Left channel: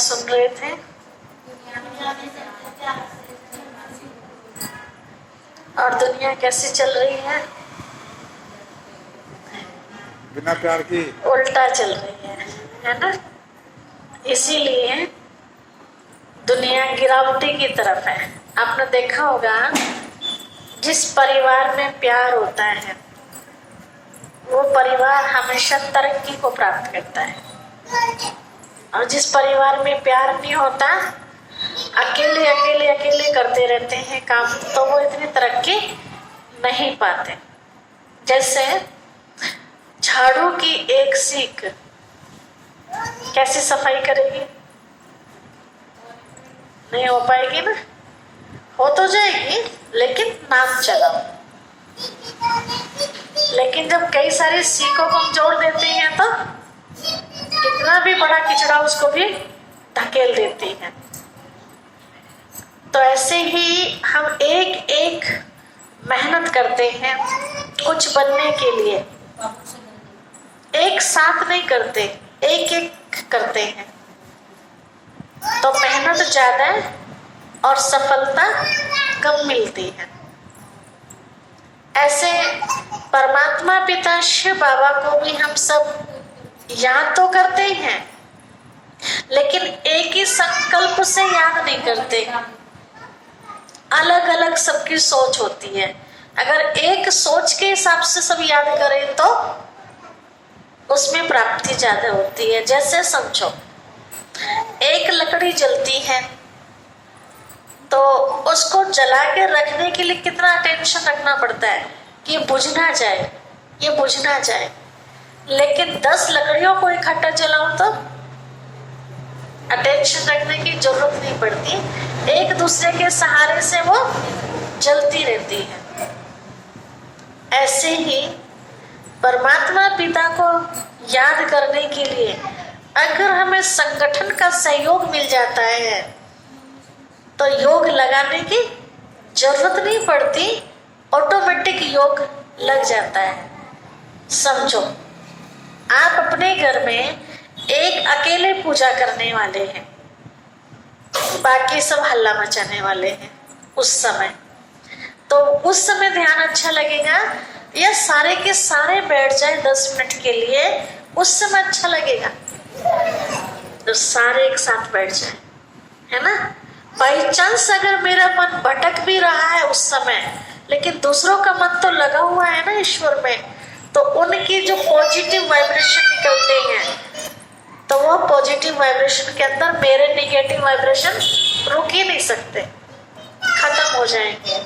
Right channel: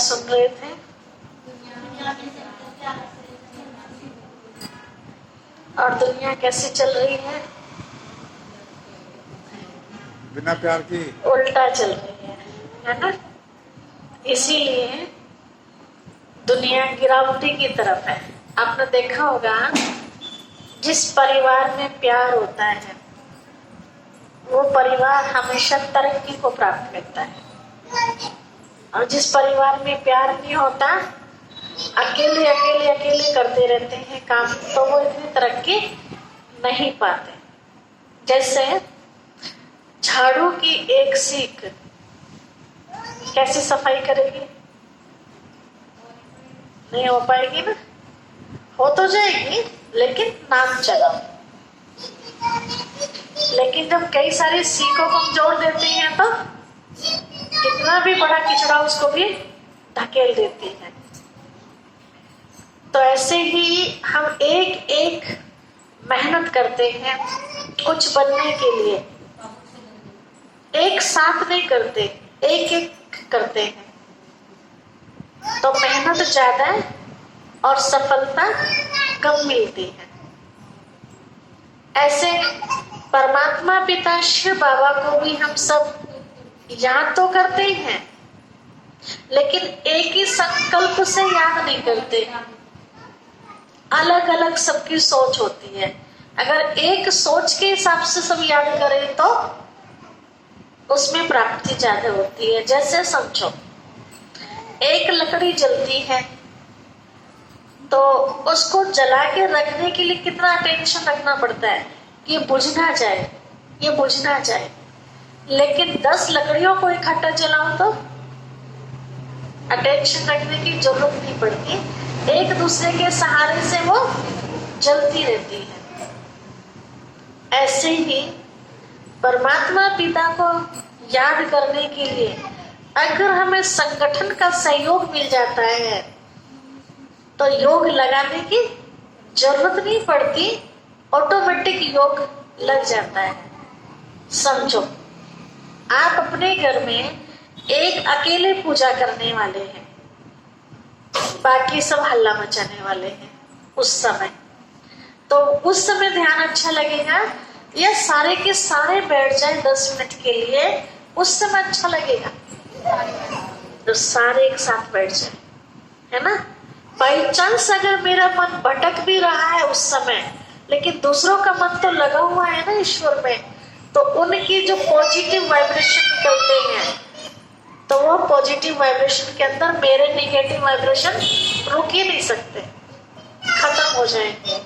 सुन रहे थे? और दुनिया कैसे चल रही है? बिना प्यार की उल्टा चल रही है ना? इसीलिए दुनिया गिरावटी की तरफ है। आपने देखा होगा, जिस परिवार में प्यार होता है वो परिवार हमेशा तरक्की को प्राप्त करता है, और जिस परिवार में प्यार नहीं होता, अकेले अकेले अकेले करते रहते हैं काम, तो वो इतनी तरक्की नहीं पाते। जैसे झाड़ू की एक सीख कैसे सफाई करेगी? नहीं हो पाएगी ना? हो तो जाएगी लेकिन नाम चलाओ। लेकिन जब कई सारी सीखों को हम जोड़ देते हैं तो कितना भी बड़ा किचड़ा उसको भी धकेल देती है। तो ऐसे ही हम एक एक मेहनत करते हैं कुछ बनने के लिए, एक साथ नहीं करते, एक एक करते हैं, तो मेहनत ज्यादा और सफलता कम मिलती है। ऐसे परमात्मा पिता शिव बाबा को भी हम सब याद तो करते हैं, लेकिन एक ही संकल्प से याद नहीं करते। अलग अलग सबकी सोच होती है। अगर एक सोच के हिसाब से सब याद करें तो उसमें प्राप्ति ज्यादा होती है। जैसे समझो, एक लकड़ी जलती है तो उसको जला के रखने के लिए कितना अटेंशन रखना पड़ता है कि ये बुझ ना जाए, ये बुझ ना जाए। लेकिन 10 लकड़ियों को इकट्ठा जलाओ तो अटेंशन रखने की जरूरत नहीं पड़ती, एक दूसरे के सहारे से वो जलती रहती है। ऐसे ही परमात्मा पिता को याद करने के लिए अगर हमें संगठन का सहयोग मिल जाता है तो योग लगाने की जरूरत नहीं पड़ती, ऑटोमेटिक योग लग जाता है। समझो, आप अपने घर में एक अकेले पूजा करने वाले हैं, बाकी सब हल्ला मचाने वाले हैं उस समय, तो उस समय ध्यान अच्छा लगेगा या सारे के सारे बैठ जाए 10 मिनट के लिए, उस समय अच्छा लगेगा? तो सारे एक साथ बैठ जाए, है ना? बाई चांस अगर मेरा मन भटक भी रहा है उस समय, लेकिन दूसरों का मन तो लगा हुआ है ना ईश्वर में, तो उनकी जो पॉजिटिव वाइब्रेशन निकलते हैं, तो वो पॉजिटिव वाइब्रेशन के अंदर मेरे निगेटिव वाइब्रेशन रुक ही नहीं सकते, खत्म हो जाएंगे।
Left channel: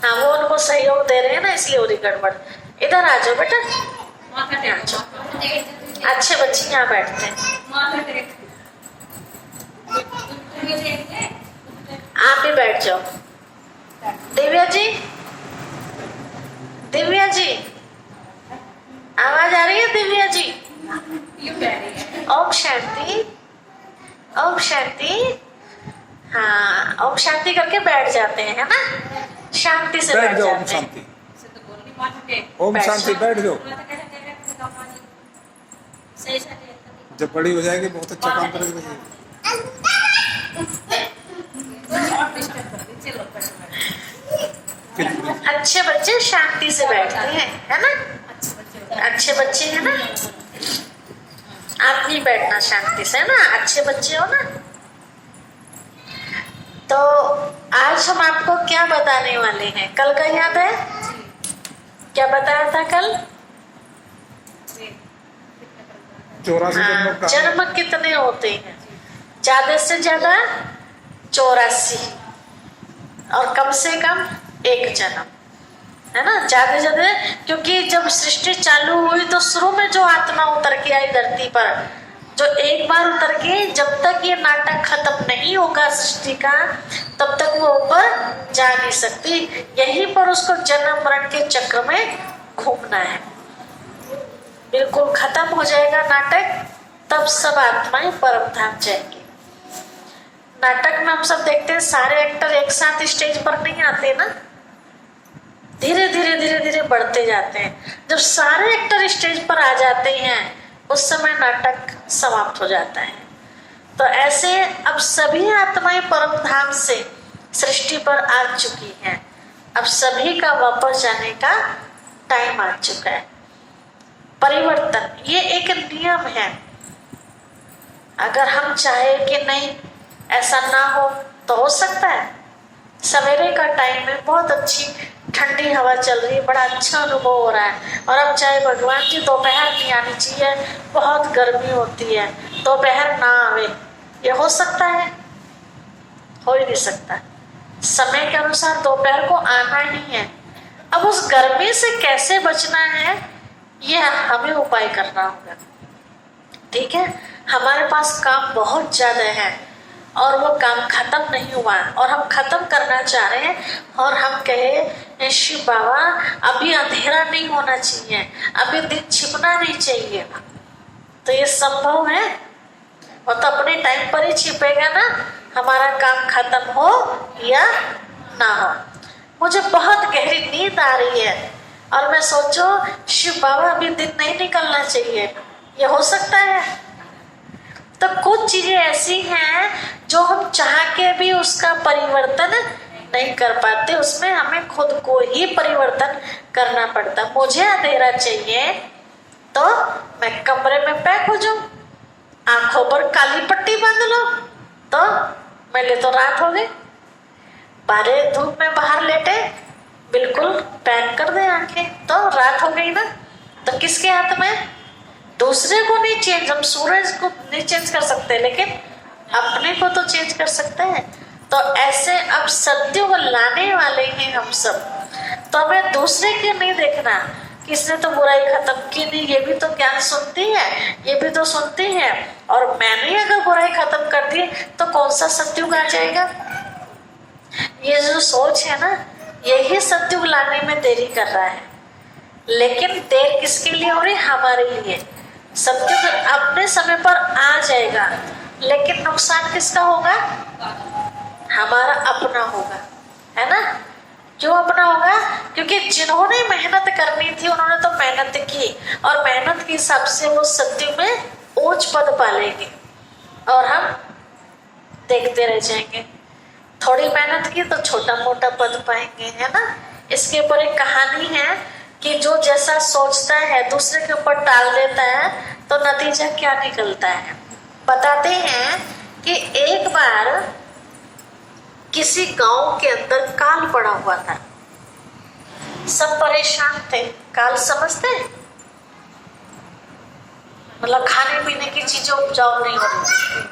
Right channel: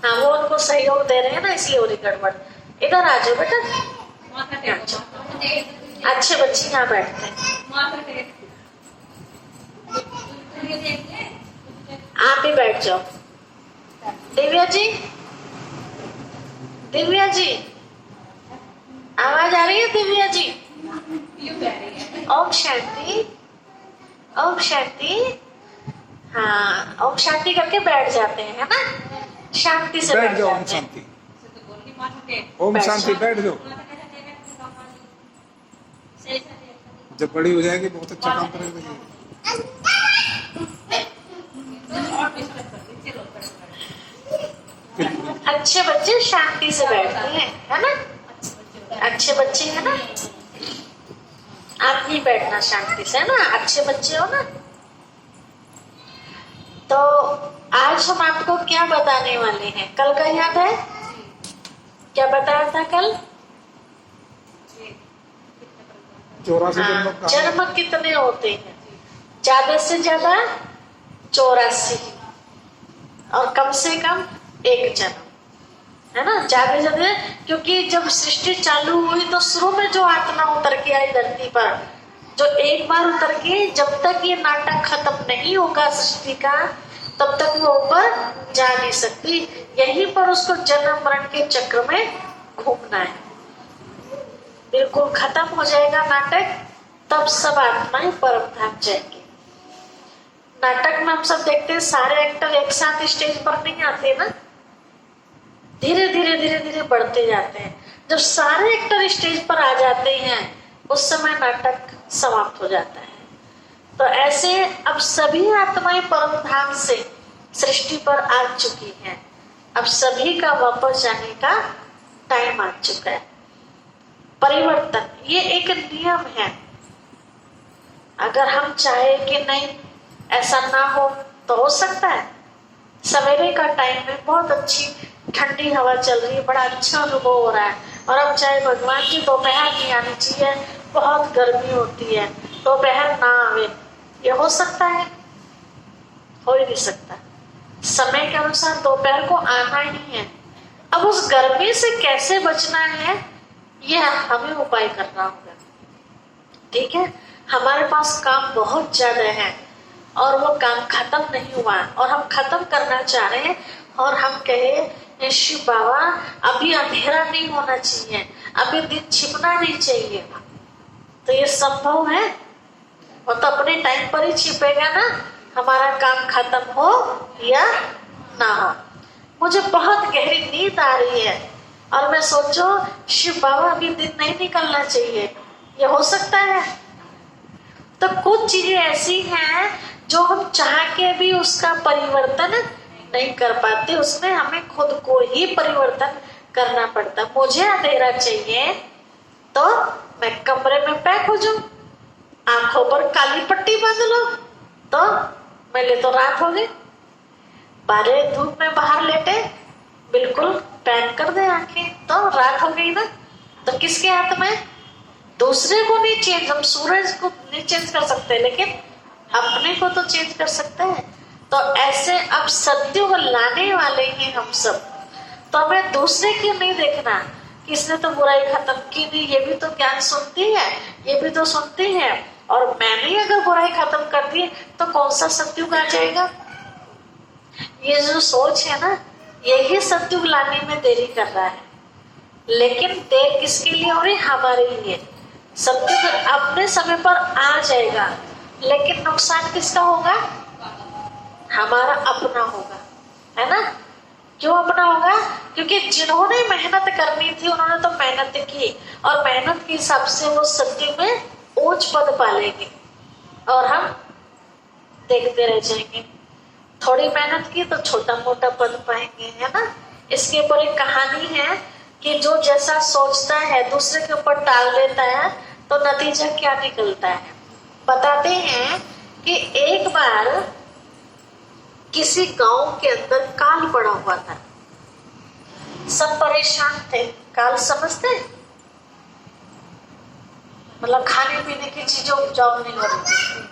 हाँ, वो उनको सहयोग दे रहे हैं ना, इसलिए हो रही गड़बड़। इधर आ जाओ बेटा, अच्छे बच्चे यहाँ बैठते हैं, आप भी बैठ जाओ। दिव्या जी, दिव्या जी, आवाज आ रही है? दिव्या जी, ओम शांति, ओम शांति। हाँ, ओम शांति करके बैठ जाते हैं, है ना? शांति से बैठ जाओ। जाते ओम शांति, ओम शांति, बैठ जाओ। जब बड़ी हो जाएगी बहुत अच्छा काम करेगी। अच्छे बच्चे शांति से बैठते हैं, है ना? अच्छे बच्चे हैं ना? आप भी बैठना शांति से, है ना? अच्छे बच्चे हो ना? तो आज हम आपको क्या बताने वाले हैं? कल का याद है क्या बताया था कल? 84 जन्म कितने होते हैं? ज्यादा से ज्यादा 84, और कम से कम 1 जन्म, है ना? ज्यादा ज्यादा, क्योंकि जब सृष्टि चालू हुई तो शुरू में जो आत्मा उतर के आई धरती पर, जो एक बार उतर के, जब तक ये नाटक खत्म नहीं होगा सृष्टि का, तब तक वो ऊपर जा नहीं सकती। यहीं पर उसको जन्म मरण के चक्र में घूमना है। बिल्कुल खत्म हो जाएगा नाटक, तब सब आत्माएं परम धाम जाएंगी। नाटक में हम सब देखते हैं, सारे एक्टर एक साथ स्टेज पर नहीं आते ना, धीरे धीरे धीरे धीरे बढ़ते जाते हैं। जब सारे एक्टर स्टेज पर आ जाते हैं उस समय नाटक समाप्त हो जाता है। तो ऐसे अब सभी आत्माएं परम धाम से सृष्टि पर आ चुकी हैं। अब सभी का वापस जाने का टाइम आ चुका है। परिवर्तन ये एक नियम है। अगर हम चाहे कि नहीं ऐसा ना हो तो हो सकता है। सवेरे का टाइम में बहुत अच्छी ठंडी हवा चल रही है, बड़ा अच्छा अनुभव हो रहा है, और अब चाहे भगवान जी दोपहर नहीं आनी चाहिए, बहुत गर्मी होती है, दोपहर ना आवे, ये हो सकता है? हो ही नहीं सकता। समय के अनुसार दोपहर को आना ही है। अब उस गर्मी से कैसे बचना है ये हमें उपाय करना होगा। ठीक है, हमारे पास काम बहुत ज्यादा है और वो काम खत्म नहीं हुआ और हम खत्म करना चाह रहे हैं, और हम कहे शिव बाबा अभी अंधेरा नहीं होना चाहिए, अभी दिन छिपना नहीं चाहिए, तो ये संभव है? वो तो अपने टाइम पर ही छिपेगा ना, हमारा काम खत्म हो या ना हो। मुझे बहुत गहरी नींद आ रही है और मैं सोचो शिव बाबा अभी दिन नहीं निकलना चाहिए, ये हो सकता है? तो कुछ चीजें ऐसी हैं जो हम चाह के भी उसका परिवर्तन नहीं कर पाते, उसमें हमें खुद को ही परिवर्तन करना पड़ता। मुझे अंधेरा चाहिए तो मैं कमरे में पैक हो जाऊं, आंखों पर काली पट्टी बांध लो तो मेरे तो रात हो गई। बारे धूप में बाहर लेटे बिल्कुल पैक कर दे आंखें तो रात हो गई ना। तो किसके हाथ में? दूसरे को नहीं चेंज, हम सूरज को नहीं चेंज कर सकते लेकिन अपने को तो चेंज कर सकते हैं। तो ऐसे अब सत्युग लाने वाले हैं हम सब, तो हमें दूसरे के नहीं देखना किसने तो बुराई खत्म की नहीं, ये भी तो ज्ञान सुनती है, ये भी तो सुनती है, और मैंने अगर बुराई खत्म कर दी तो कौन सा सत्युग आ जाएगा? ये जो सोच है ना, यही सत्युग लाने में देरी कर रहा है। लेकिन देर किसके लिए हो रही? हमारे लिए। सत्युग अपने समय पर आ जाएगा, लेकिन नुकसान किसका होगा? हमारा अपना होगा, है ना? क्यों अपना होगा? क्योंकि जिन्होंने मेहनत करनी थी उन्होंने तो मेहनत की, और मेहनत के हिसाब से वो सत्युग में ऊंच पद पालेंगे और हम देखते रह जाएंगे। थोड़ी मेहनत की तो छोटा मोटा पद पाएंगे, है ना? इसके ऊपर एक कहानी है कि जो जैसा सोचता है दूसरे के ऊपर टाल देता है तो नतीजा क्या निकलता है। बताते हैं कि एक बार किसी गांव के अंदर काल पड़ा हुआ था, सब परेशान थे। काल समझते हैं? मतलब खाने पीने की चीजें उपजाऊ नहीं हो रही थी,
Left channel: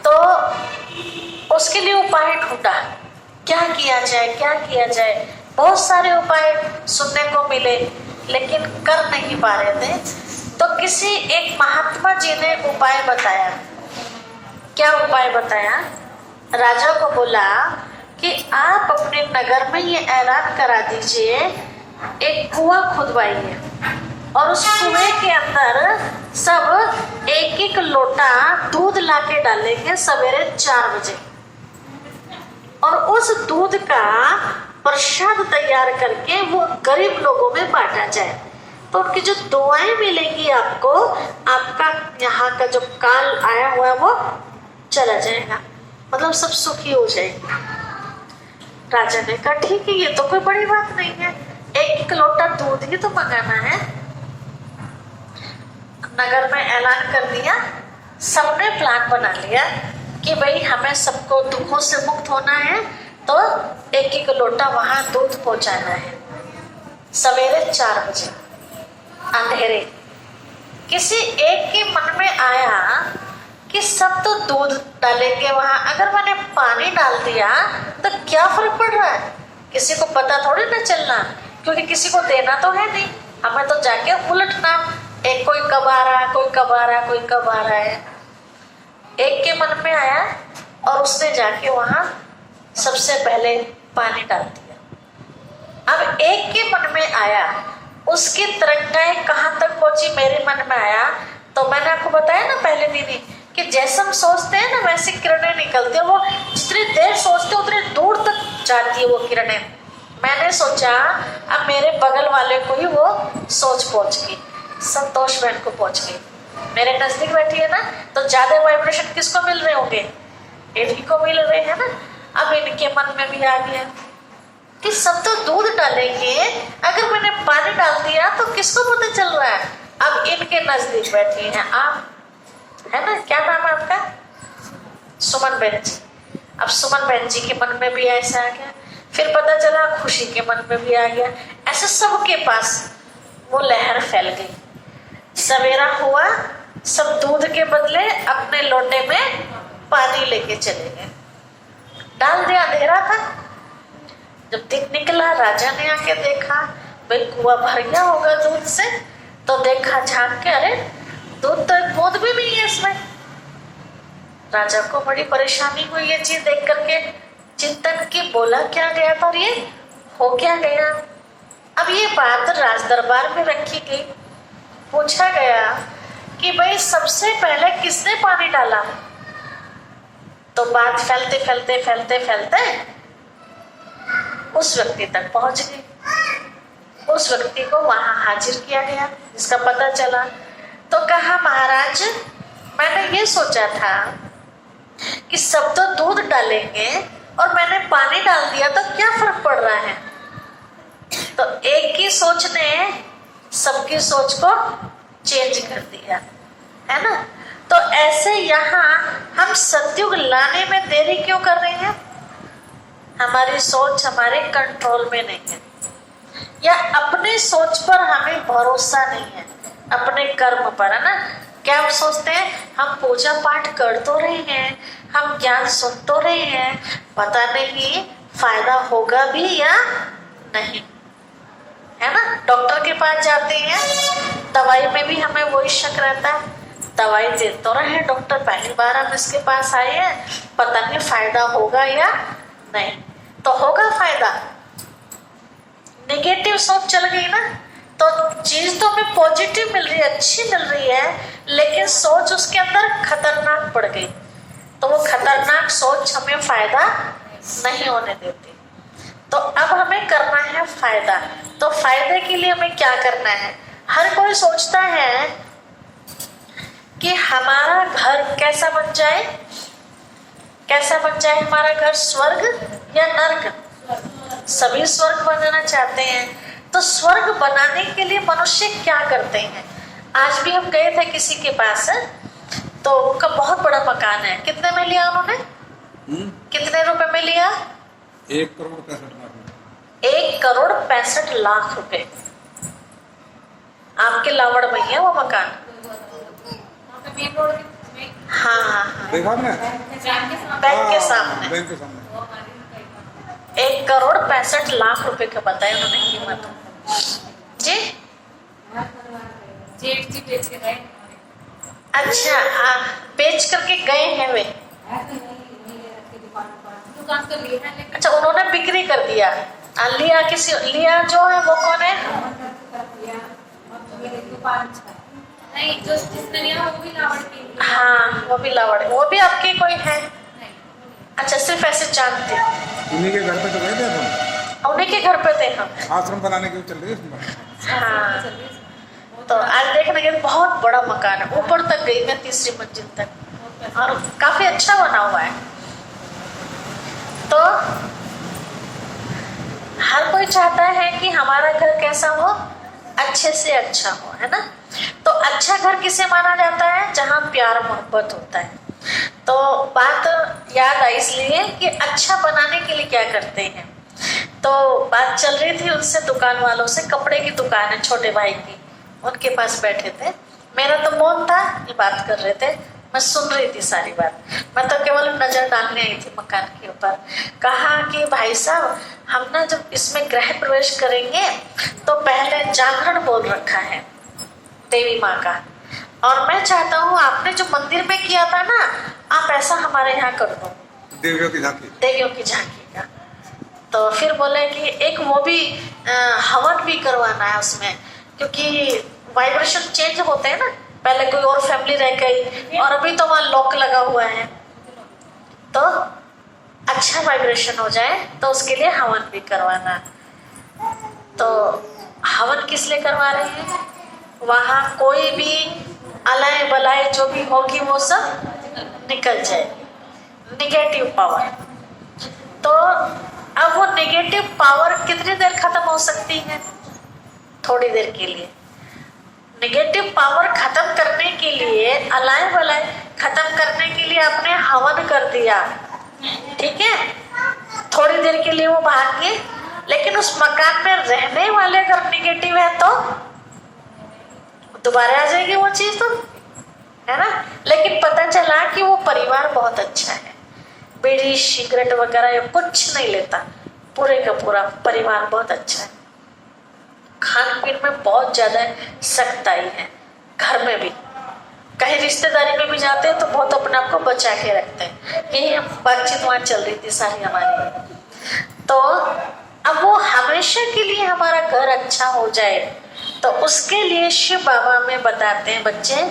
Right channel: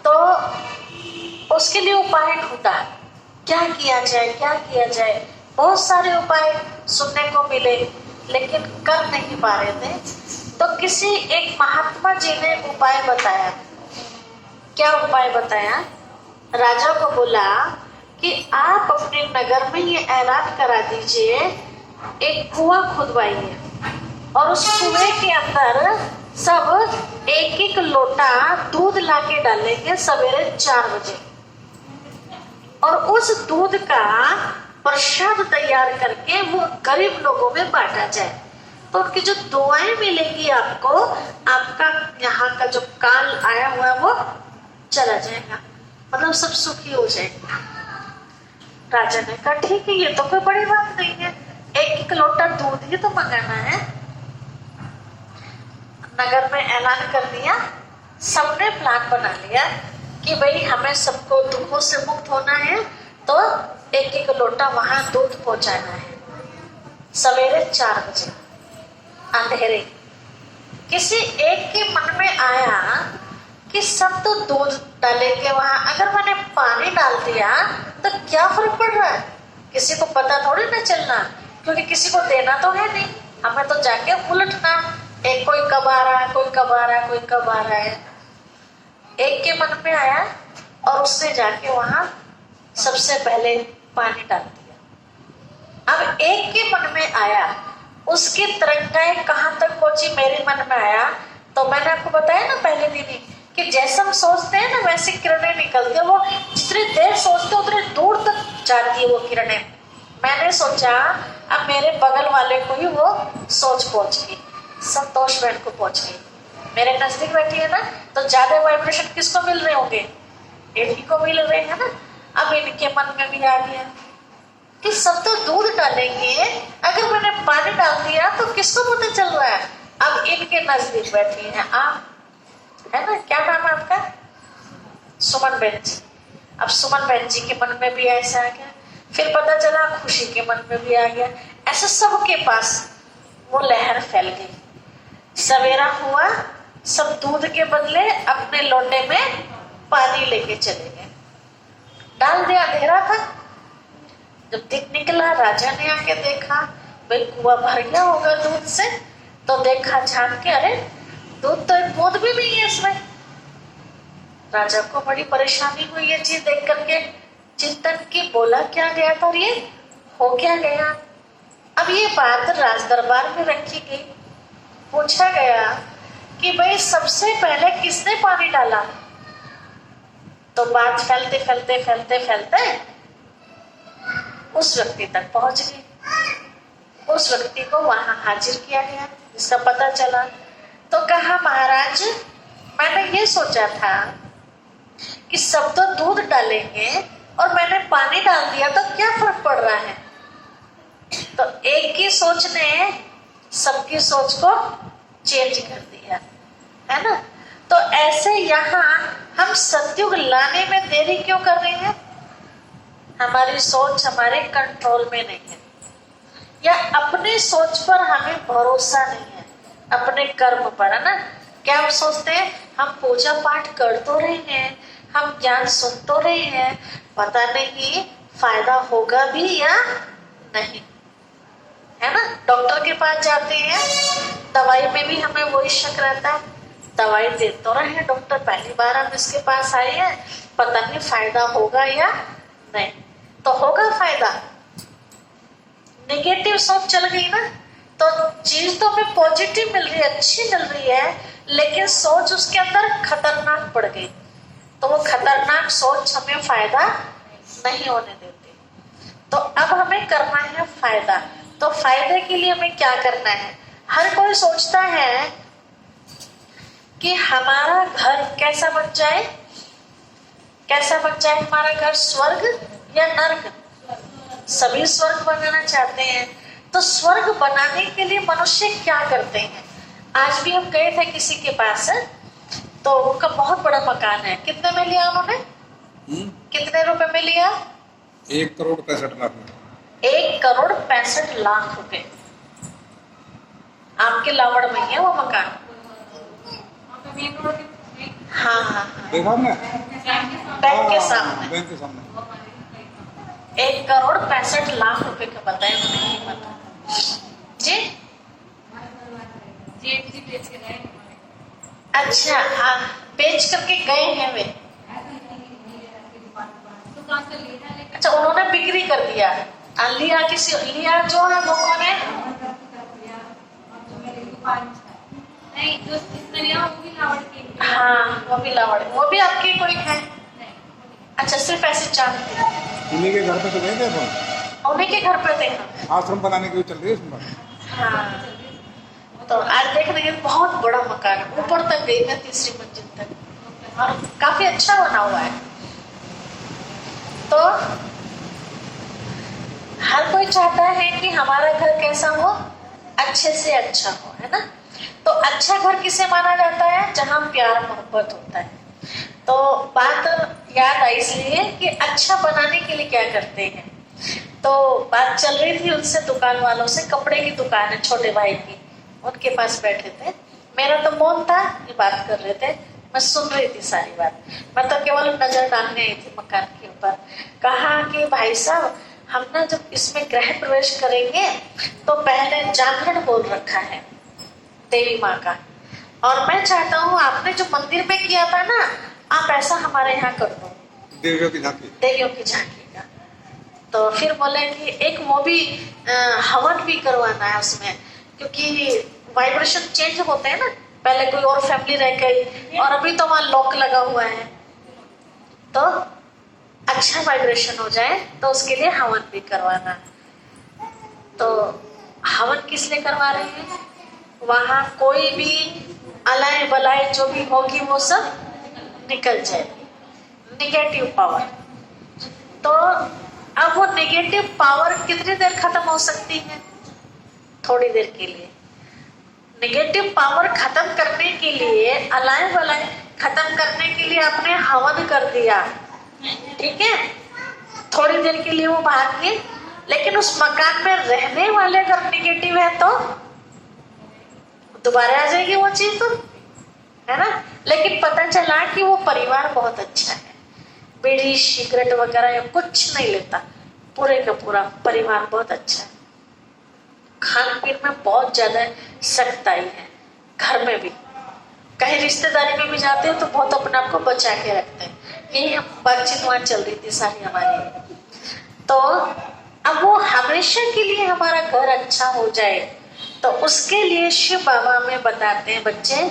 तो उसके लिए उपाय ढूंढा, क्या किया जाए क्या किया जाए। बहुत सारे उपाय सुनने को मिले लेकिन कर नहीं पा रहे थे। तो किसी एक महात्मा जी ने उपाय बताया। क्या उपाय बताया? राजा को बोला कि आप अपने नगर में ये ऐलान करा दीजिए, एक कुआं खुदवाइए और उस कुएं के अंदर सब एक एक लोटा दूध लाके डालेंगे सवेरे 4 बजे, और उस दूध का प्रसाद तैयार करके वो गरीब लोगों में बांटा जाए। तो उनकी जो दुआएं मिलेंगी आपको, आपका यहाँ का जो काल आया हुआ है वो चला जाएगा, मतलब सब सुखी हो जाएगा। राजा ने कहा ठीक है, ये तो कोई बड़ी बात नहीं है, एक एक लोटा दूध ही तो मंगाना है। नगर में ऐलान कर दिया, सबने प्लान बना लिया कि भाई हमें सबको दुखों से मुक्त होना है तो एक एक लोटा वहां दूध पहुंचाना है सवेरे 4 बजे अंधेरे। किसी एक के मन में आया कि सब तो दूध डालेंगे वहां, अगर मैंने पानी डाल दिया तो क्या फर्क पड़ रहा है? किसी को पता थोड़ी ना चलना, क्योंकि किसी को देना तो है नहीं, हमें तो जाके उलटना, एक कोई कब आ रहा है, कोई कब आ रहा है, कोई कब आ रहा है। एक के मन में आया और उसने जाके वहां सबसे पहले पानी डाल दिया। अब एक के मन में आया, उसकी तरंगाएं कहां तक पहुंची मेरे मन में आया, तो मैंने आपको बताया ना पहले दिन ही कि जैसे हम सोचते हैं ना वैसी किरणें निकलती है। वो जितनी देर सोचते हैं उतनी दूर तक जाती है वो किरणें। मैंने सोचा अब मेरे बगल वाले को ही वो सोच पहुंच गई, संतोष बहन को पहुंच गई, मेरे नजदीक बैठी है ना, तो ज्यादा वाइब्रेशन किसको मिल रहे होंगे, इन्हीं को मिल रहे हैं ना। अब इनके मन में भी आ गया कि सब तो दूध डालेंगे, अगर मैंने पानी डाल दिया तो किसको पता चल रहा है। अब इनके नजदीक बैठी हैं आप, है ना, क्या नाम है आपका, सुमन बहन जी। अब सुमन बहन जी के मन में भी ऐसा आ गया, फिर पता चला खुशी के मन में भी आ गया, ऐसे सबके पास वो लहर फैल गई। सवेरा हुआ, सब दूध के बदले अपने लोटे में पानी लेके चले गए, डाल दिया, अंधेरा था। जब दिन निकला, राजा ने आके देखा भाई कुआं भर गया होगा दूध से, तो देखा झांक के, अरे दूध तो एक बूंद भी नहीं है इसमें। राजा को बड़ी परेशानी हुई ये चीज देख करके, चिंतन की, बोला क्या गया था, ये हो क्या गया। अब ये बात राज दरबार में रखी गई, पूछा गया कि भाई सबसे पहले किसने पानी डाला, तो बात फैलते फैलते फैलते फैलते उस व्यक्ति तक पहुंच गई। उस व्यक्ति को वहां हाजिर किया गया, जिसका पता चला, तो कहा महाराज मैंने ये सोचा था कि सब तो दूध डालेंगे और मैंने पानी डाल दिया तो क्या फर्क पड़ रहा है। तो एक की सोच ने सबकी सोच को चेंज कर दिया, है ना। तो ऐसे यहाँ हम सतयुग लाने में देरी क्यों कर रहे हैं, हमारी सोच हमारे कंट्रोल में नहीं है, या अपनी सोच पर हमें भरोसा नहीं है, अपने कर्म पर, है ना। क्या हम सोचते हैं हम पूजा पाठ कर तो रहे हैं, हम ज्ञान सुन तो रहे हैं, पता नहीं फायदा होगा भी या नहीं, है ना। डॉक्टर के पास जाते हैं, दवाई में भी हमें वही शक रहता है, दवाई दे तो रहे हैं डॉक्टर, पहली बार हम इसके पास आए हैं, पता नहीं फायदा होगा या नहीं, तो होगा फायदा। नेगेटिव सोच चल गई ना, तो चीज तो हमें पॉजिटिव मिल रही है, अच्छी मिल रही है, लेकिन सोच उसके अंदर खतरनाक पड़ गई, तो वो खतरनाक सोच हमें फायदा नहीं होने देती। तो अब हमें करना है फायदा, तो फायदे के लिए हमें क्या करना है। हर कोई सोचता है कि हमारा घर कैसा बन जाए, कैसा बन जाए हमारा घर, स्वर्ग या नर्क। सभी स्वर्ग बनाना चाहते हैं, तो स्वर्ग बनाने के लिए मनुष्य क्या करते हैं। आज भी हम गए थे किसी के पास, तो उनका बहुत बड़ा मकान है, कितने में लिया उन्होंने, कितने रुपए में लिया, 1,65,00,000 में। 1,65,00,000 रुपए। आपके लावड़ में है वो मकान। हाँ हाँ हाँ, देखा आपने, बैंक के सामने, बैंक के सामने 1,65,00,000 रुपए का बताया उन्होंने कीमत जी। अच्छा हाँ, बेच करके गए हैं वे, अच्छा उन्होंने बिक्री कर दिया, लिया किसी, लिया जो है वो कौन है, नहीं जो जिसने लिया वो भी लावड़ के लिए। हाँ वो भी लावड़, वो भी आपके कोई है, अच्छा सिर्फ ऐसे जानते, उन्हीं के घर पे तो गए थे हम, उन्हीं के घर पे थे हम। आश्रम बनाने की चल रही है इसमें। हाँ, तो आज देखने के बहुत बड़ा मकान है, ऊपर तक गई मैं, 3री मंजिल तक, और काफी अच्छा बना हुआ है। तो हर कोई चाहता है कि हमारा घर कैसा हो, अच्छे से अच्छा हो, है ना। तो अच्छा घर किसे माना जाता है, जहाँ प्यार मोहब्बत होता है। तो बात याद आई इसलिए कि अच्छा बनाने के लिए क्या करते हैं। तो बात चल रही थी उनसे, दुकान वालों से, कपड़े की दुकान है छोटे भाई की, उनके पास बैठे थे, मेरा तो मौन था, ये बात कर रहे थे, मैं सुन रही थी सारी बात, मैं तो केवल नजर डालने आई थी मकान के ऊपर। कहा कि भाई साहब हम ना जब इसमें गृह प्रवेश करेंगे तो पहले जागरण बोल रखा है देवी माँ का, और मैं चाहता हूँ आपने जो मंदिर में किया था ना, आप ऐसा हमारे यहाँ कर दो, देवियों की झांकी, देवियों की झांकी का। तो फिर बोले कि एक वो भी हवन भी करवाना है उसमें, क्योंकि वाइब्रेशन चेंज होते हैं ना, पहले कोई और फैमिली रह गई और अभी तो वहां लॉक लगा हुआ है, तो अच्छा वाइब्रेशन हो जाए तो उसके लिए हवन भी करवाना। तो हवन किस लिए करवा रहे हैं? वहां कोई भी अलाय बलाय जो भी होगी वो सब निकल जाए, निगेटिव पावर। तो अब वो नेगेटिव पावर कितनी देर खत्म हो सकती है? थोड़ी देर के लिए। नेगेटिव पावर खत्म करने के लिए, अलाय बलाय खत्म करने के लिए आपने हवन कर दिया, ठीक है, थोड़ी देर के लिए वो भाग गए, लेकिन उस मकान में रहने वाले अगर नेगेटिव है तो दोबारा आ जाएगी वो चीज, तो है ना। लेकिन पता चला कि वो परिवार बहुत अच्छा है, बीड़ी सिगरेट वगैरह या कुछ नहीं लेता, पूरे का पूरा परिवार बहुत अच्छा है, खान पीन में बहुत ज्यादा सख्ताई है, घर में भी कहीं रिश्तेदारी में भी जाते हैं तो बहुत अपने आप को बचा के रखते हैं। यही बातचीत वहां चल रही थी सारी हमारी। तो अब वो हमेशा के लिए हमारा घर अच्छा हो जाए, तो उसके लिए शिव बाबा में बताते हैं, बच्चे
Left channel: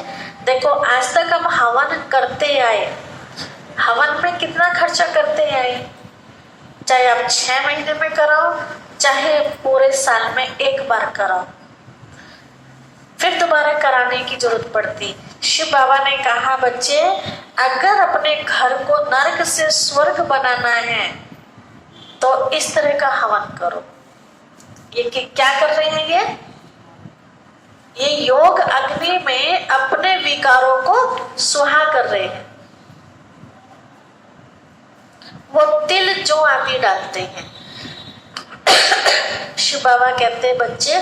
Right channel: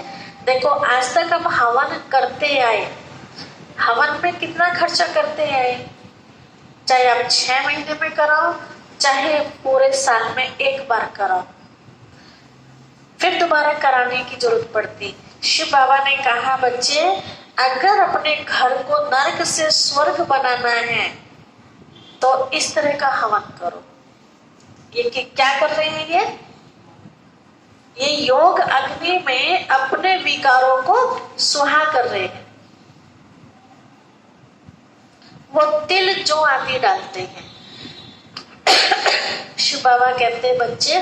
देखो आज तक हम हवन करते आए, हवन में कितना खर्चा करते आए, चाहे आप 6 महीने में कराओ, चाहे पूरे साल में एक बार कराओ, फिर दोबारा कराने की जरूरत पड़ती। शिव बाबा ने कहा बच्चे अगर अपने घर को नरक से स्वर्ग बनाना है तो इस तरह का हवन करो। ये क्या कर रहे हैं? ये योग अग्नि में अपने विकारों को सुहा कर रहे हैं। वो तिल जो आदि डालते हैं। शिव बाबा कहते हैं बच्चे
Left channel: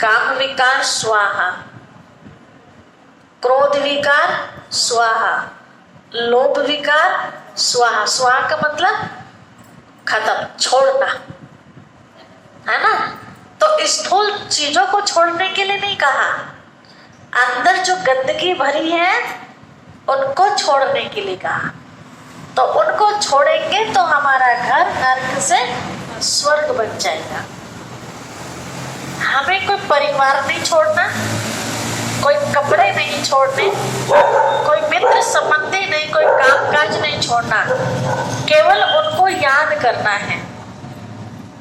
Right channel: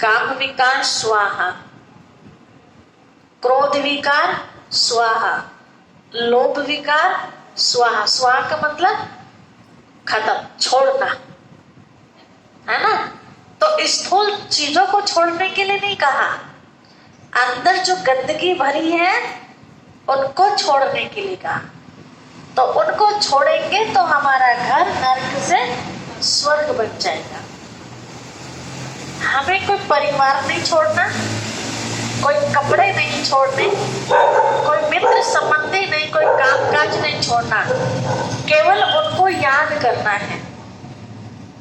काम विकार स्वाहा, क्रोध विकार स्वाहा, लोभ विकार स्वाहा। स्वाहा का मतलब खत्म, छोड़ना, है ना। तो स्थूल चीजों को छोड़ने के लिए नहीं कहा, अंदर जो गंदगी भरी है उनको छोड़ने के लिए कहा। तो उनको छोड़ेंगे तो हमारा घर नरक से स्वर्ग बन जाएगा। हमें कोई परिवार नहीं छोड़ना, कोई कपड़े नहीं छोड़ने, कोई मित्र संबंधी नहीं, कोई कामकाज नहीं छोड़ना, केवल उनको याद करना है।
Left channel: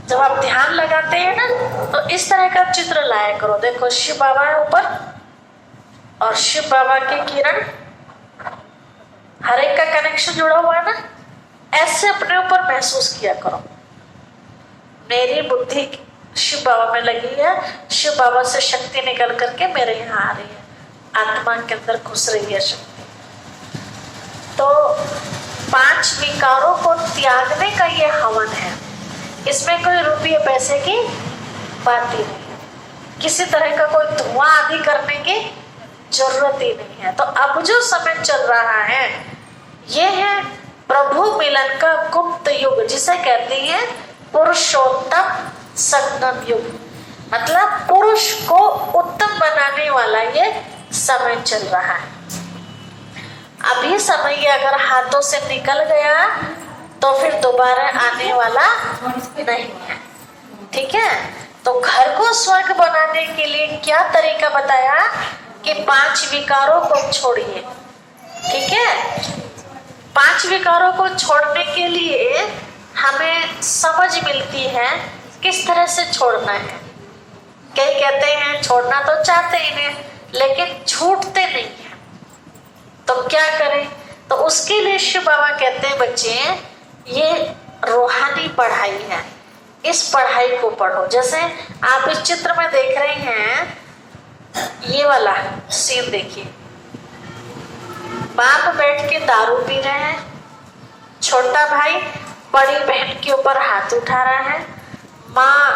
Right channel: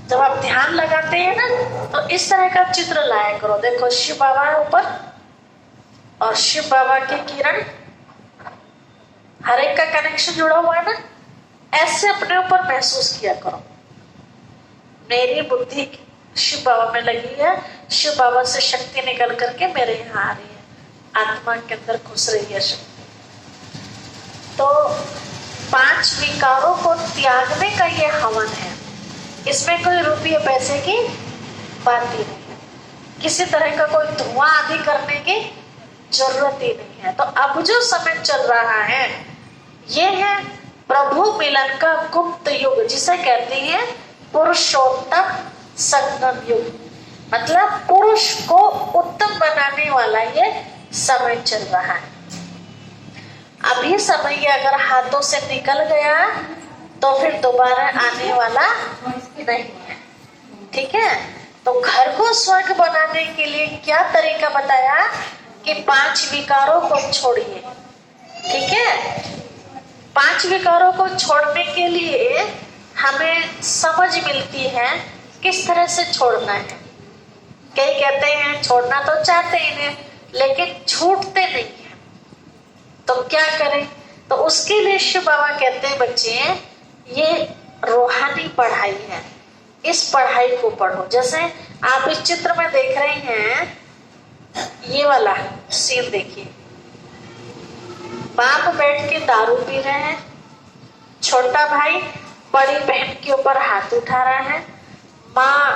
जब आप ध्यान लगाते हैं ना तो इस तरह का चित्र लाया करो। देखो शिव बाबा है ऊपर और शिव बाबा के किरण, हर एक का कनेक्शन जुड़ा हुआ है ना, ऐसे अपने ऊपर महसूस किया करो। मेरी बुद्धि शिव बाबा में लगी है, शिव बाबा से शक्ति निकल करके मेरे यहाँ आ रही है, आत्मा के अंदर घुस रही है शक्ति। तो 5 विकारों को त्यागने का ये हवन है, इसमें कोई रुपये पैसे की बात ही नहीं है, किसी तरह का कोई धुआं आदि करने की जरूरत ही नहीं है। तो अब जो समय चल रहा है ये है प्रभु मिलन का गुप्त युग, जिसे कहते हैं पुरुषोत्तम संगम युग, मतलब पुरुष को उत्तम बनाने वाला ये समय चल रहा है। अभी समय अगर हाथों से निकल गया तो फिर दोबारा आने वाला नहीं है, ठीक है। तो घर को स्वर्ग बनाने के लिए क्या तरीका बताया कि 5 विकारों को छोड़िए, ठीक है। 5 विकारों को छोड़ने के लिए हमें समझ मिलती है किस तरह से छोड़ना है। कई कहते हैं छोड़ना तो चाहते ही नहीं लेकिन छूटते नहीं है, तो क्या करें? तो उसके लिए शिव बाबा कहते हैं बच्चे ये रूहानी पढ़ाई है, इस पढ़ाई को पढ़ो। जैसे आप इस चित्र में देख रहे हैं, ये वाला सीन देखिए, बाप बैठ के दारू पी रहे हैं, छोटा भाई बड़ी बहन के ऊपर हाथ उठा रहा है, माँ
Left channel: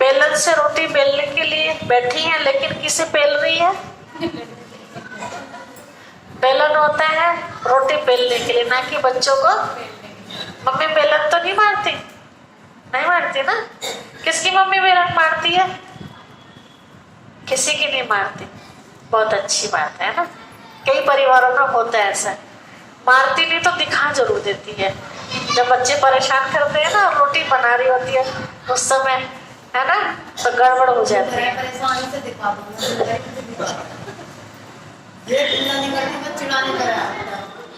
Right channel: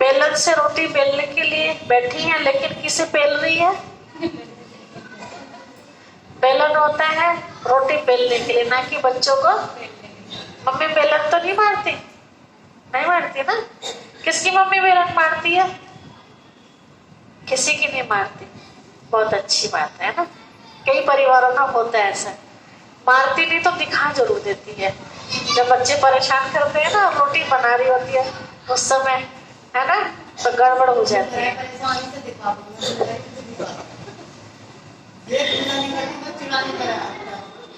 बेलन से रोटी बेलने के लिए बैठी है, लेकिन किसे बेल रही है? बेलन होता है रोटी बेलने के लिए, ना कि बच्चों को। मम्मी बेलन तो नहीं मारती, नहीं मारती ना। किसकी मम्मी बेलन मारती है? किसी की नहीं मारती। बहुत अच्छी बात है ना। कई परिवारों में होता है ऐसा, मारती नहीं तो दिखा जरूर देती है। जब बच्चे परेशान करते हैं ना, रोटी बना रही होती है उस समय, है ना, तो गड़बड़ हो जाती है।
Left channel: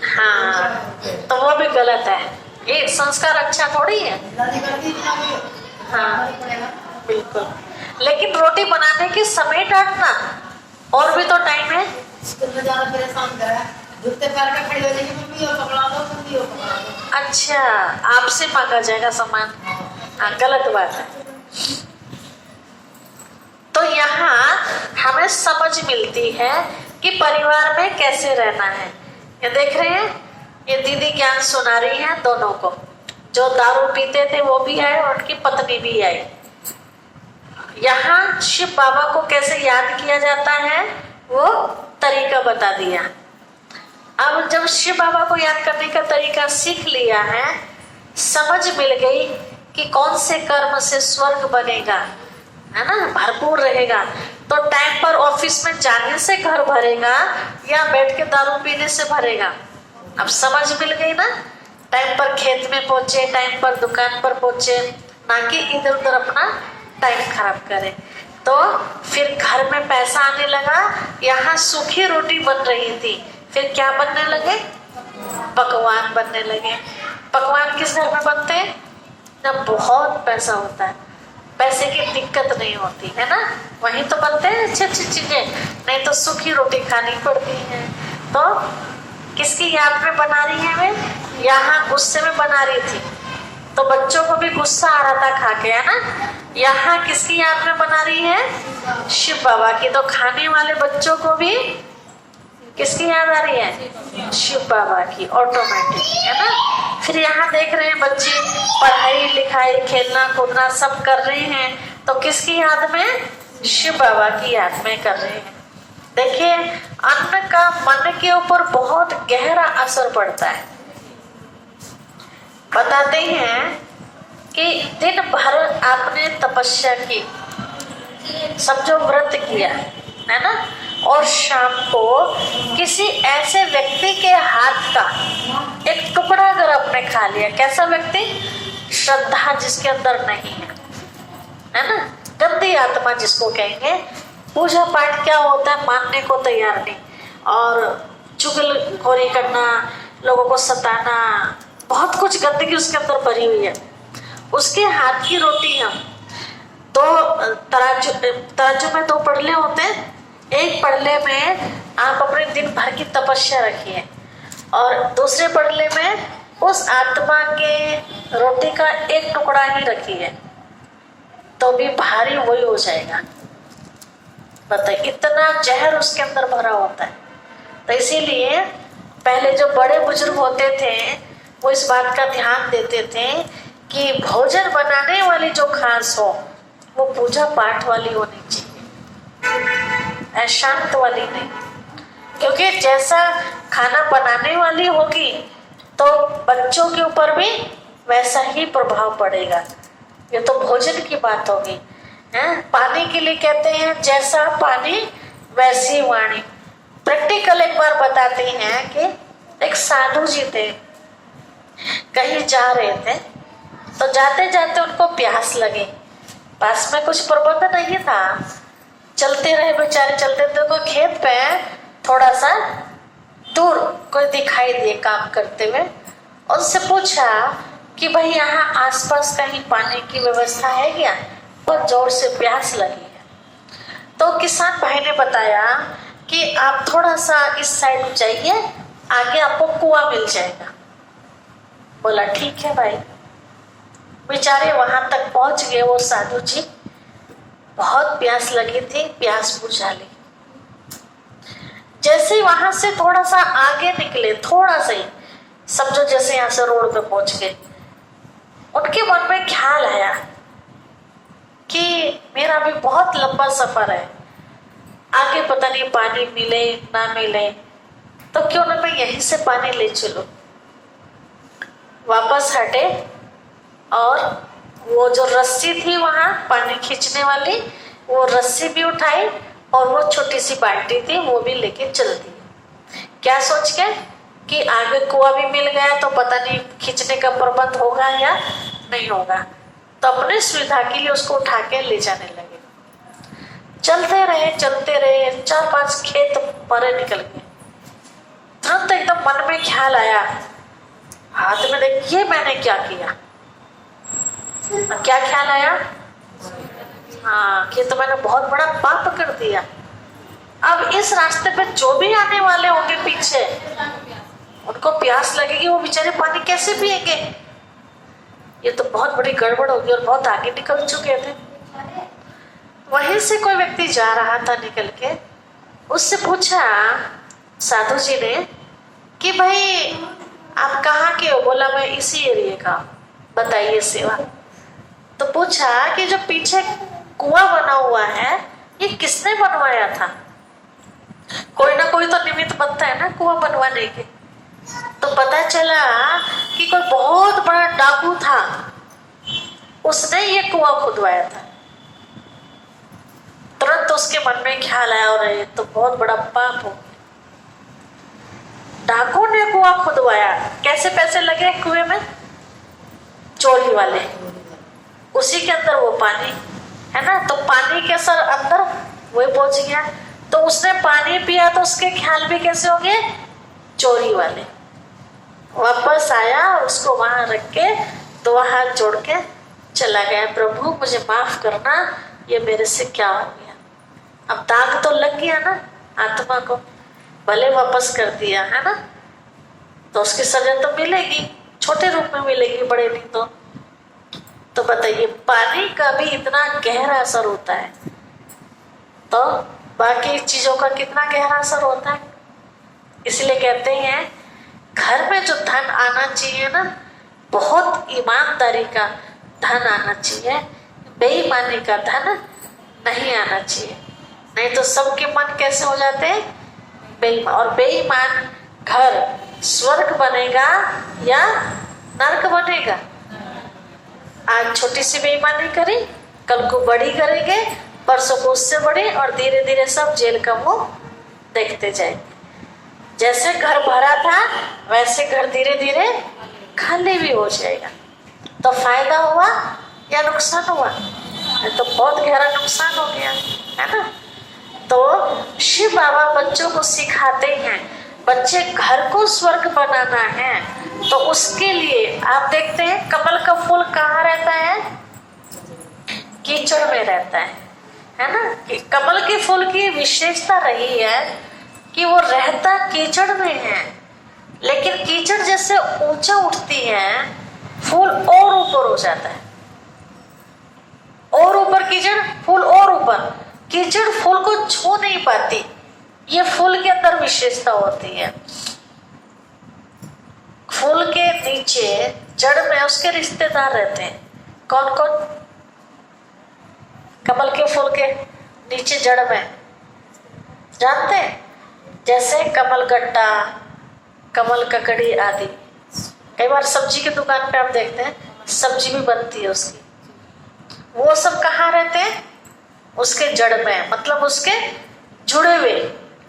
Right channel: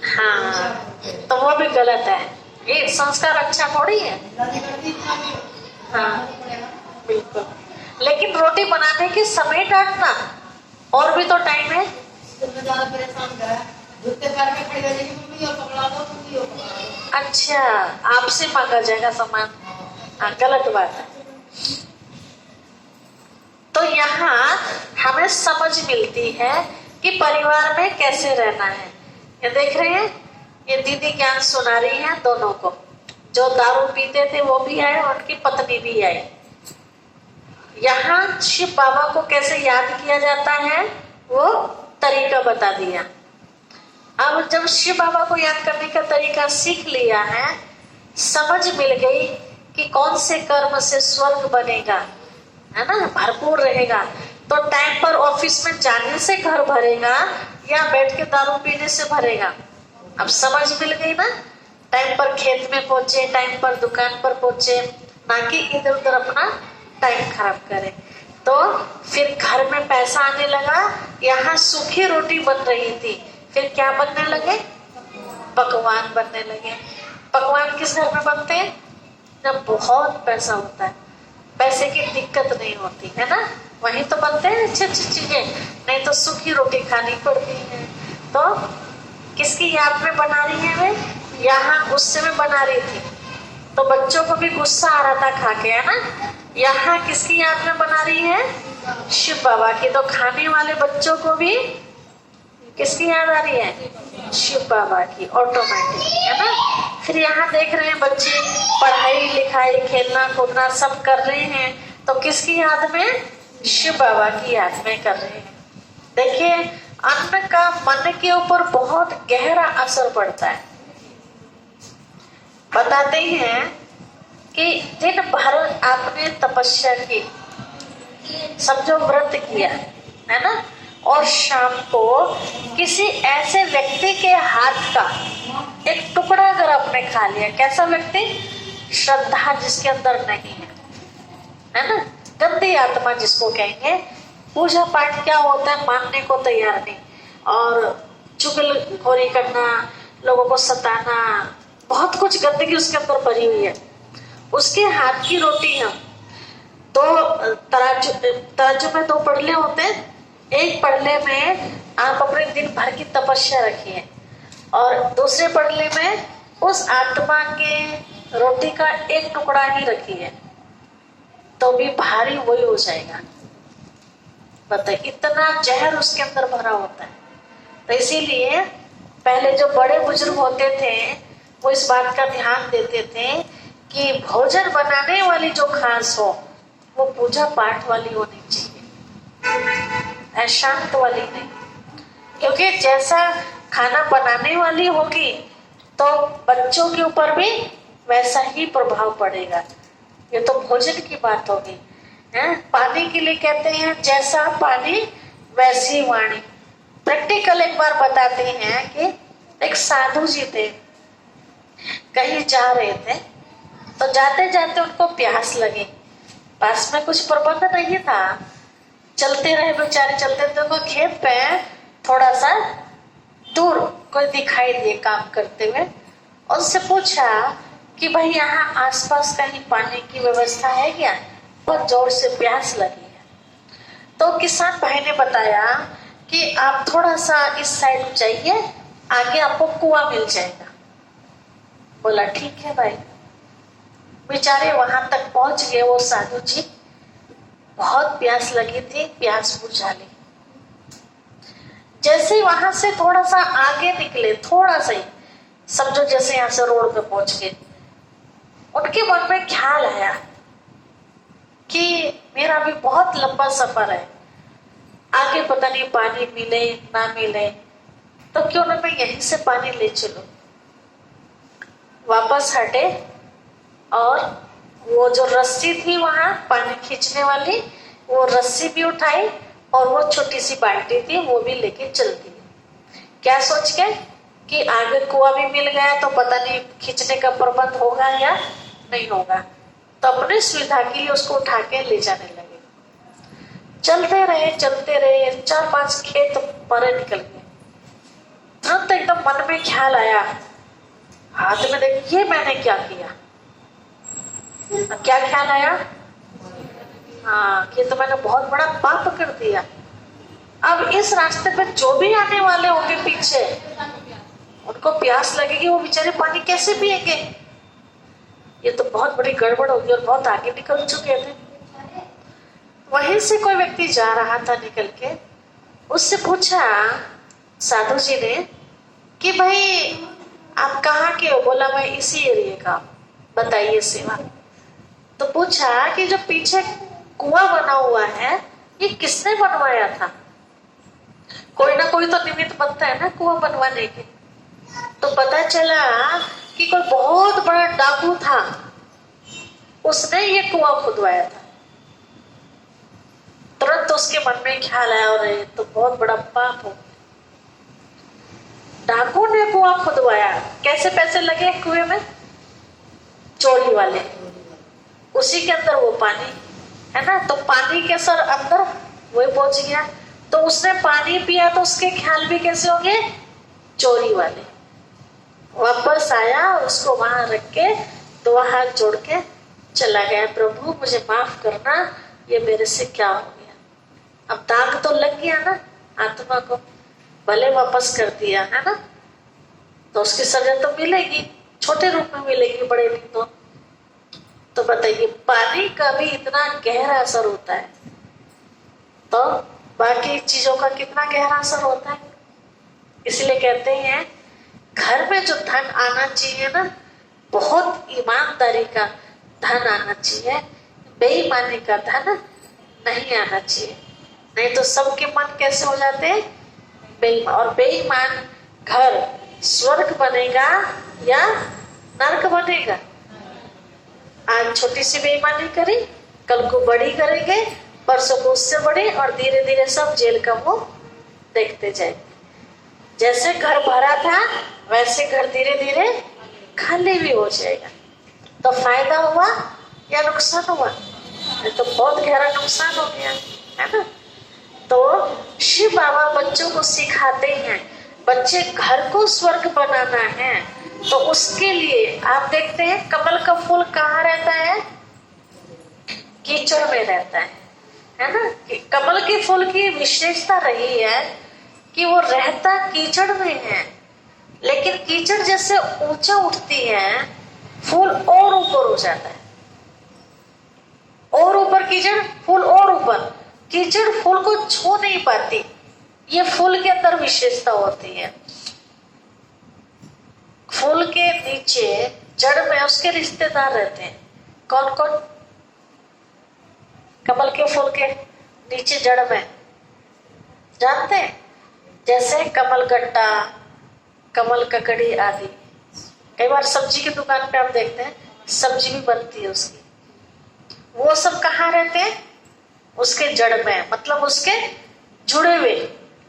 हाँ, तो वो भी गलत है, ये संस्कार अच्छा थोड़ी है। हाँ बिल्कुल, लेकिन रोटी बनाने के समय डांटना, और भी तो टाइम है। स्कूल में ज्यादा परेशान करा, जूते पैर में खड़ी हो जाएगी, मम्मी ये पकड़ा दो, मम्मी ये पकड़ा दो। अच्छा, आपसे मांगा जाएगा सामान, हाँ गलत बात है। तो यहाँ हमें समझ मिलती है कि परिवार में कैसे रहना है। ये देख रहे हैं, ये दीदी ज्ञान सुना रही है दोनों को। जो दारू पीते थे वो भी आए और उनकी पत्नी भी आई। यहाँ शिव बाबा को कैसे याद किया जाता है वो तरीका बता दिया। अब जब शिव बाबा को याद करने का तरीका सीख लिया है, समझ मिल गई कि कौन से कर्म से स्वर्ग बनेगा, है ना, भरपूर रहेगा, तो टाइम पर ऑफिस में जाने से घर भरेगा या बैठ के दारू पीने से भरेगा। अब समझ मिल गई ना, टाइम पर खेत में पहुंचे, टाइम पर दुकान पर पहुंचे, ना कि इधर उधर अपना टाइम खराब करे। तो फिर घर में पैसा आने लगा, यहाँ सूखी रोटी बन रही थी, फिर क्या बनने लगे, पकवान बनने लगे। पकवान किस घर में बनते हैं, जब बहुत पैसा होता है, पैसे की दिक्कत नहीं होती है ना, वहीं तो बनते हैं अच्छी अच्छी चीजें, नहीं तो सूखी रोटी खानी पड़ती है। तो किसकी याद में बना रही है वे, यहाँ गुस्से में बना रही थी, तो बच्चों को भी गुस्सा आ रहा था खा के, है ना। यहाँ किसकी याद में बना रही है, शिव बाबा की, तो खाने वाले बच्चों को भी किसकी याद आ रही है, शिव बाबा की, ऑटोमेटिक, है ना। फिर यहाँ देख रहे हैं बच्चे पढ़ाई लिखाई खेलना कूदना सब कर रहे हैं, तो किसकी याद में, शिव बाबा की याद में कर रहे हैं। देखिए, अन्न का मन के ऊपर बहुत गहरा असर पड़ता है। बताते हैं कि दिन भर आपने तपस्या की, समझो व्रत किया, है ना, और शाम को किसी ऐसे व्यक्ति के हाथ का एक टुकड़ा अगर आपने खा लिया, कैसा व्यक्ति, श्रद्धा जिसके अंदर नहीं है ना, गंदी आत्मा जिसको कहेंगे, पूजा पाठ क्या होता है मानने को तैयार नहीं, और चुगलखोरी करना, लोगों को सताना, बहुत कुछ गंदगी उसके अंदर भरी हुई है। उसके हाथ की रोटी हम तो तराजू में 2 पड़ले होते हैं, एक पड़ले में आप अपने दिन भर की तपस्या रखिए और दूसरे पड़ले में उस आत्मा के रोटी का एक टुकड़ा ही रखिए, तो भी भारी वही हो जाएगा। बताइए, इतना जहर उसके अंदर भरा होता है। तो इसीलिए पहले जो बड़े बुजुर्ग होते थे वो इस बात का ध्यान देते थे कि भोजन बनाने वाली जो खास हो वो पूजा पाठ वाली होनी चाहिए, अशांत वाली नहीं, क्योंकि जैसा खाना बनाने वाली होगी तो बच्चों के ऊपर भी वैसा ही प्रभाव पड़ेगा। ये तो भोजन की बात होगी, है। पानी के लिए कहते हैं जैसा पानी वैसी वाणी। प्रैक्टिकल एक बार बताते हैं कि एक साधु जी थे, कहीं जा रहे थे, तो जाते जाते उनको प्यास लगी, पास में कुछ प्रबंध नहीं था, चलते रहे बेचारे, चलते थे, को खेत पे थोड़ा सा दूर कोई दिखाई दिए काम करते हुए, उनसे पूछा कि भाई यहाँ आसपास कहीं पानी की व्यवस्था है क्या, बहुत जोर से प्यास लगी है। तो किसान भाई ने बताया कि आप थोड़ा सा इस साइड जाइए, आगे आपको कुआं मिल जाएगा। बोला ठीक है भाई। बेचारे वहां तक पहुंच गए, वो साधु जी, बहुत प्यास लगी थी, प्यास बुझा ली। जैसे वहां से थोड़ा सा आगे निकले, थोड़ा सा ही समझो जैसे यहाँ से रोड पे पहुंच गए, उनके मन में ख्याल आया कि मेरा भी बहुत लंबा सफर है, आगे पता नहीं पानी मिले ना मिले, तो क्यों ना मैं यहीं से पानी ले चलूं। वापस हटे और वो जो रस्सी थी वहां पानी खींचने वाली, वो रस्सी भी उठाई और वो छोटी सी बाल्टी थी वो भी लेके चल दी। क्या सोच के कि आगे कुआं भी मिल गया तो पता नहीं खींचने का प्रबंध होगा या नहीं होगा, तो अपने सुविधा के लिए उसको उठा के ले जाने लगे। चलते रहे 4-5 खेत परे निकल गए। तुरंत एकदम मन में ख्याल आया, हाथ में देखिए मैंने क्या किया, अब क्या ख्याल आया? हाँ, कि तो मैंने बहुत बड़ा पाप कर दिया। अब इस रास्ते पे जो भी आने वाले होंगे पीछे, उनको प्यास लगेगी, वो बेचारे पानी कैसे पिएंगे? ये तो बहुत बड़ी गड़बड़ होगी। और बहुत आगे निकल चुके थे। वहीं से कोई व्यक्ति जा रहा था निकल के, उससे पूछा साधु जी ने कि भाई आप कहाँ के हो? बोला मैं इसी एरिया का, बताइए सेवा। तो पूछा कि जो पीछे कुआं बना हुआ है ये किसने बनवाया था? कोई ना कोई तो निमित्त बनता है ना कुआं बनवाने के। तो पता चला कि कोई बहुत बड़ा डाकू था, उसने ये कुआं खुदवाया था। तुरंत उसके मन में ख्याल आया, और ये तो बहुत बड़ा पाप हो, डाकू ने कुआं खुदवाया। कैसे पैसे लगे कुएं में? चोरी वाले। उसी के अंदर वो पानी है ना, तो पानी के सर अंदर वो पहुंच गया। तो उसने पानी पिया तो उसके ख्याल भी कैसे हो गए? चोरी वाले। वापस आया, उसको वहां रख के तो हाथ जोड़ के चला गया, प्रभु मुझे माफ करना, ये मेरे से क्या हो गया। अब दाग तो लग गया ना आत्मा को, भले वापस कर दिया है ना, तो उसकी सजा तो मिलेगी, छोटे रूप में मिलेगी, बड़े नहीं। तो बताइए, पानी का भी इतना गहरा असर होता है, तो बाकी चीजों का कितना गहरा असर होता है। इसलिए कहते हैं घर में जो धन आना चाहिए ना, बहुत ईमानदारी का धन आना चाहिए, बेईमानी का धन नहीं आना चाहिए। नहीं तो सबके मन कैसे हो जाते हैं? बेईमान। और बेईमान घर स्वर्ग बनेगा या नरक बनेगा? आज छोटी सी बेईमानी करी, कल को बड़ी करेंगे, परसों को उससे बड़ी, और धीरे धीरे सब जेल का मुंह देखते जाएंगे। जैसे घर भरा था वैसे घर धीरे धीरे खाली भी हो जाएगा। तो फायदा हुआ या नुकसान हुआ? तो बहुत गहरा नुकसान हो गया है ना। तो शिव बाबा बच्चों को सिखाते हैं, बच्चे घर को स्वर्ग बनाना है, तो उसके लिए आप देखते हैं कमल का फूल कहाँ रहता है? कीचड़ में रहता है ना। कि कमल के फूल की विशेषता रही है कि वो रहता कीचड़ में है, लेकिन कीचड़ जैसे ऊंचा उठती है, फूल और ऊपर हो जाता है, और ऊपर कीचड़, फूल और ऊपर। कीचड़ फूल को छू नहीं पाती, ये फूल के अंदर विशेषता होती है। फूल के नीचे जड़ में उसके रिश्तेदार रहते हैं। कौन कौन? कमल के फूल के नीचे जड़ में जानते हैं? जैसे कमल गट्टा, कमल ककड़ी आदि। कई बार सब्जी की दुकान पे आप देखते हैं सब्जी भी बनती है उसकी, वो सब कहाँ रहते हैं? उसके जड़ में, मतलब उसके जुड़े हुए